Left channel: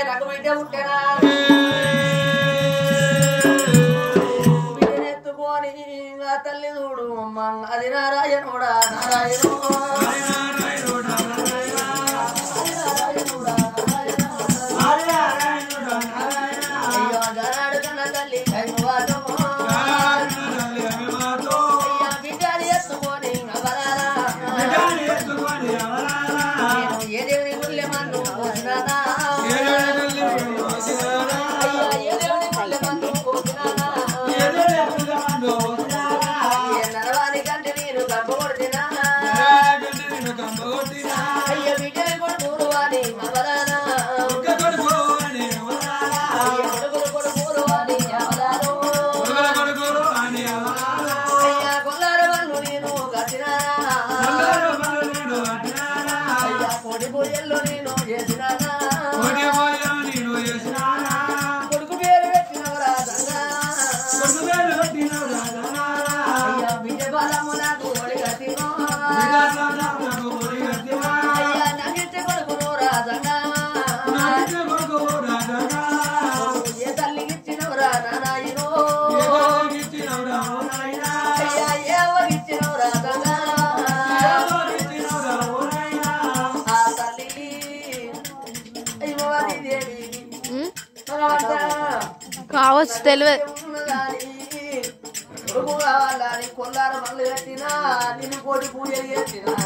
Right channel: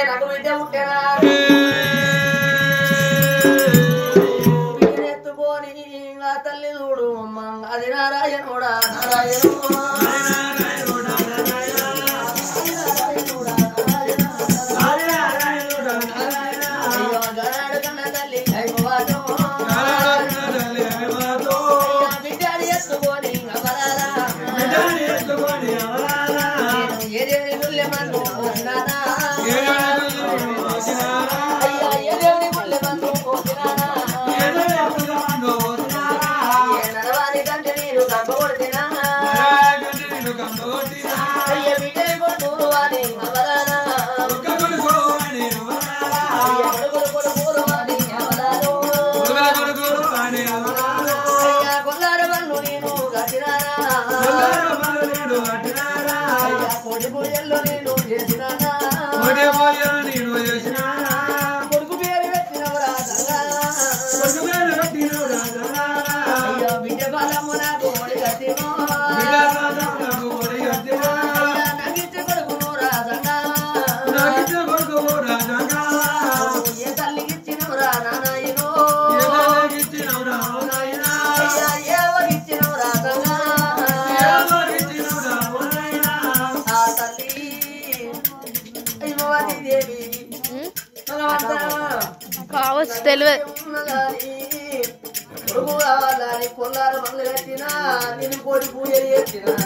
నాకు బిడ్డ పుట్టినా ఎత్తుకొని ఆ తల్లి చూడు అమ్మ అది నారాయణుడా కావచ్చు తెలివే కొల్లార మందులు పెట్టినా నేను కోటి పూజలు చేసినా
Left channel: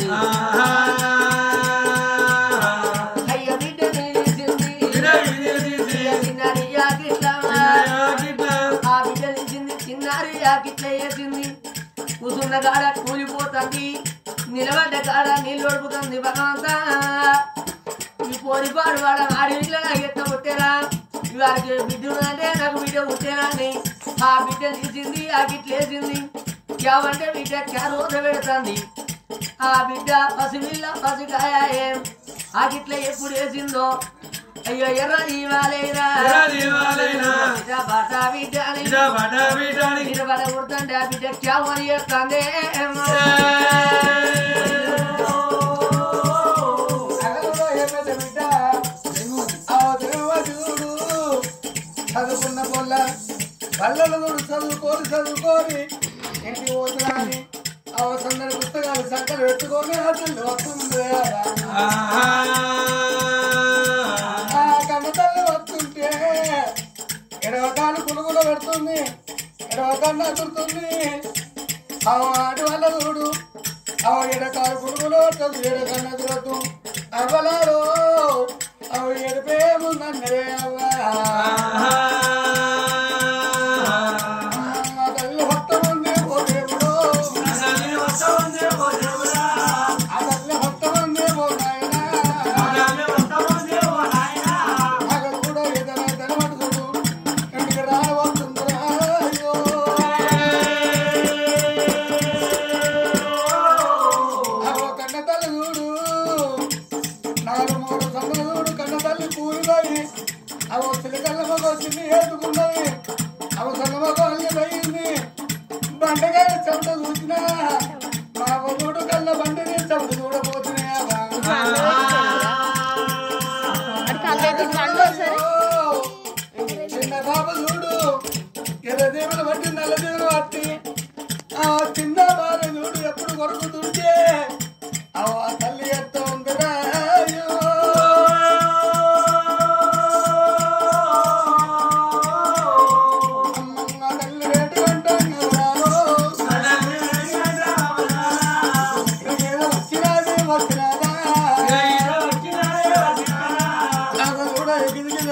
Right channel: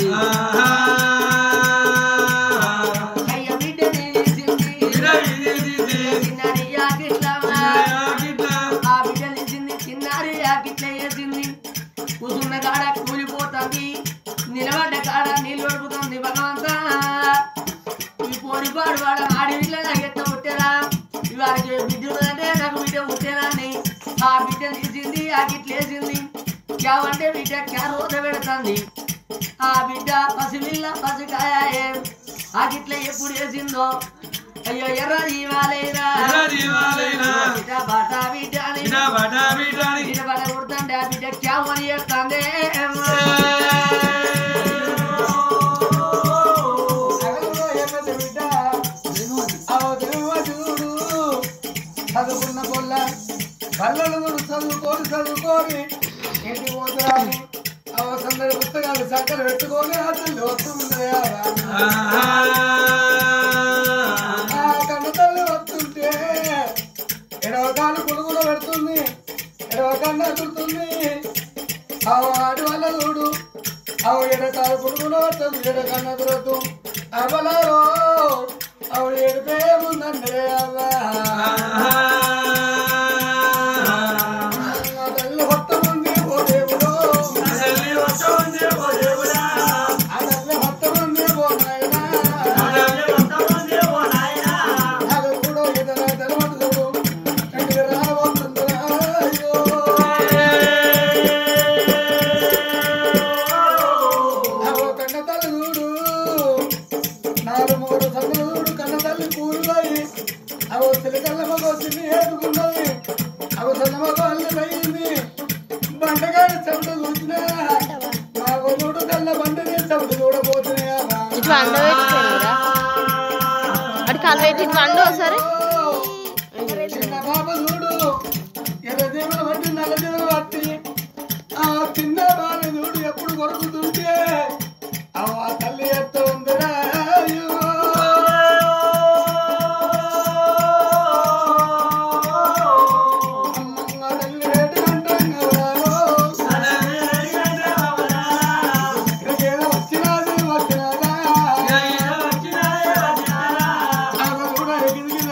ఉన్నది అయ్య బిడ్డని చిన్నారి యాకిట్లా ఆ బిడ్డ తీసింది చిన్నారి యాకిట్లా వేసింది కూసున్న కాడ కూలిపోతుంది నిలబడ్డ కాడ నీళ్ళు ఒడుపుతుంది భగవంతా ఈ పోరిపాడు వాడ ఆడి వీళ్ళ ఎత్త పుట్టేరా ఇవాళకి బిడ్డ అంటే నాకు బిడ్డ పుట్టేరా అని ఆ బిడ్డ తీసింది ఆ గిట్లేసింది క్యావంటే బిడ్డ క్యారోత పెడుతుంది ఆ బిడ్డ పసిపిల్ల పసికాయ ఆ గిట్ల ఎప్పుడు వేసిందో అయ్యో ఎర్ర జీవాలైనా బిడ్డ బాటా బిడ్డ బడ కొడుతుంటే ఆ బిడ్డ క్యావని చేస్తుంది చదువుకున్న పొల్ల పల్లెలు చదువుకొని ఇంటికి పోతున్నాను సందడి పుస్తకాలు చక్కలు పెట్టుకొని అసలు వస్తుంది ఆ కన్నతల్లి వస్తుంటే ఎడవకాలు కులుగులో పెడుతుంది ఎడవకన్నా కుడుతుంది ఆడు వల్ల చూడు ఆవిడ ఎడకాలు కులుగులో వస్తుంది ఎడకన్నా తిరగదు అవ్వలారో ఆవిడ ఎడిపేముందన్నరే అవ్వ చిన్న బాబు చూడు ఎర్రదేవులు బట్టి నల్లదేవులు బట్టి ఆ చిన్న బాల చూడు ఎప్పుడు కొరుకుతుంటే ఆ తల్లి ఎత్తు ఉందిరా అమ్మ తల్లి రేటు కొంటాను వచ్చినాది వచ్చినాదా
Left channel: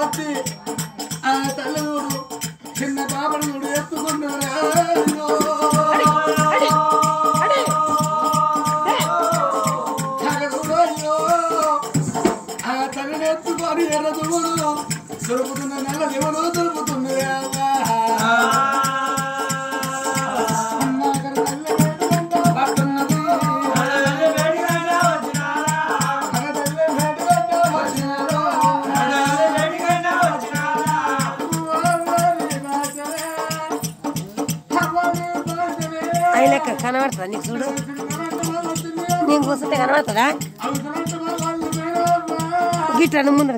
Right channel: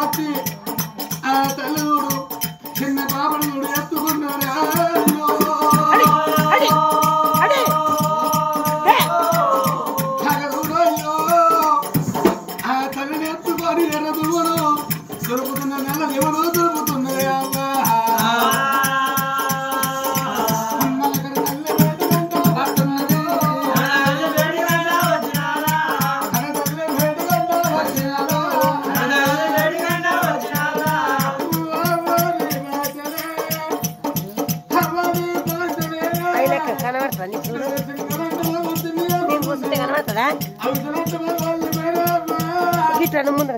వచ్చి ఆ తల్లుడు చిన్న బాబుడు ఎత్తుకున్నాడా ఆ తల్లిని ఎత్తుకొని ఎర్ర దువ్వుడు దొరుకుతున్న నల్ల దివుడు దొరుకుతున్నాయా అమ్మ అక్కడ తల్లి వేడుకుంటా పడుతున్నది గిట్ల ముందు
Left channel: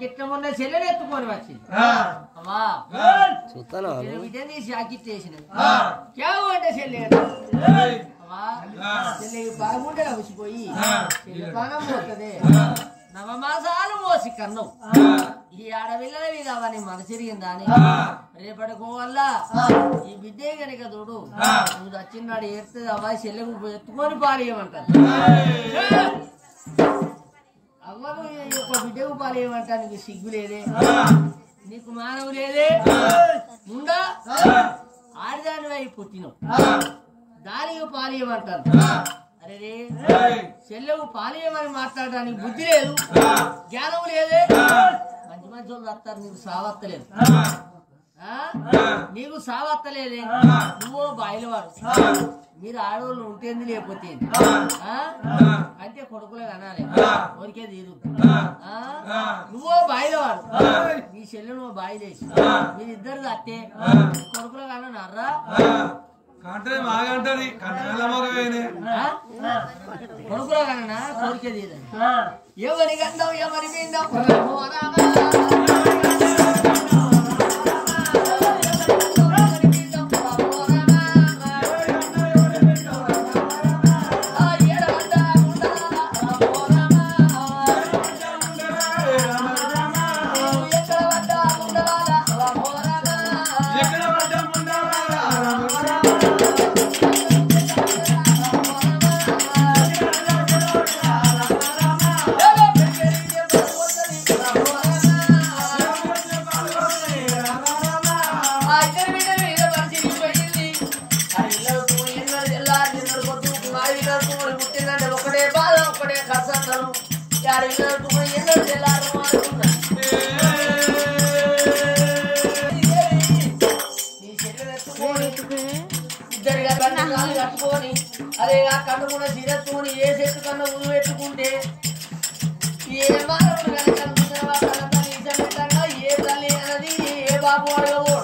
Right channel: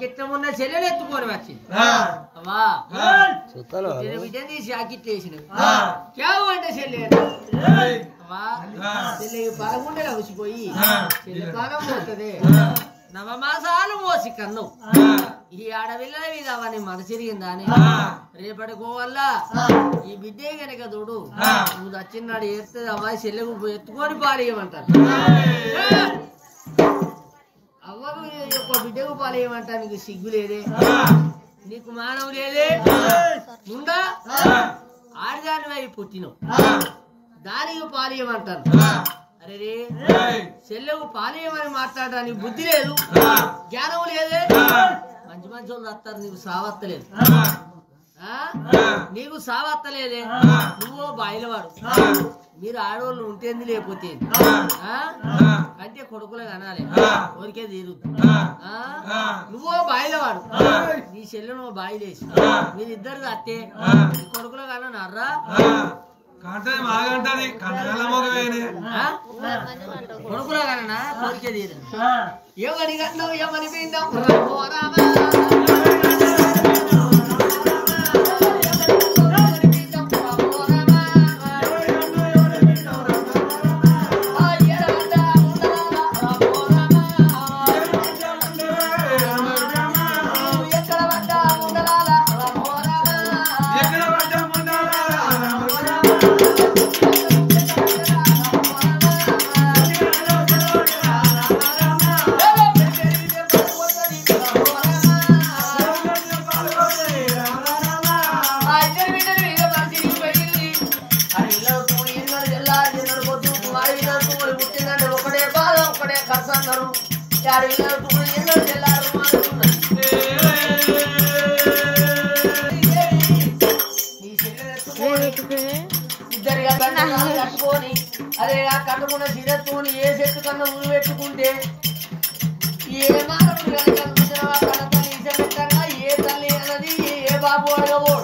కిట్టమున్న చెల్లెలు ఎత్తుకొని వచ్చింది అమ్మా విజయం తీసి ఆకిట్టేసినవి అంటే చెల్లె అమ్మా చెల్లె బాగుండేలా వచ్చిపోయి చెల్లె బాగా పోతుంది నవమాసాలు మోసి కన్ను ఈ ఆడపిల్లల మీద అవన్నీ మనసిరిగిందా అని రేపటికో వల్ల ఈ బిడ్డే కనుక చూడు నువ్వు వచ్చినాడు ఏడితే అమ్మాయి చెల్లెకు ఎత్తుకొని పారేయమంటారు అవ్వకు యొక్క బిడ్డకు పారేయమంటారు నీకు సిగ్గు లేదే నీకు మానవు లేదే ముందా ఆడదాని వైపు పుట్టినావు దానికి పారేయమంటారు అరే చెల్లెవు పాలేయమని మాట్లాడడానికి బుద్ధి లేదు జ్ఞానం లేదే మంచి మంచి వాళ్ళు వస్తారు నీకు సావత్తలేదు నీకు సావత్తలేదే నువ్వో బాయిలవాడు మీరు ఆడవాళ్ళు ఉంటేంది లేకపోతే అంటే కొడుకులు కనాలి ఊరికే తీరుద్దు నువ్వో బాయిలవాడు నీ చెల్లె నువ్వు బాయిలేసి మీరిద్దరు అత్తే కొడుకులు కనరా కొడుకులో కన్నా కోరికే తీరు ఎవరి గండం ఎవరి పిండం అరే ఆ కన్నుకున్న సిరత్తుని ఏ చెట్టు కన్నా ఉరు పెట్టుకుంటే ఏ మానవుడు కనుక ఏ తల్లి అన్నది ఏ బాబు అడగబో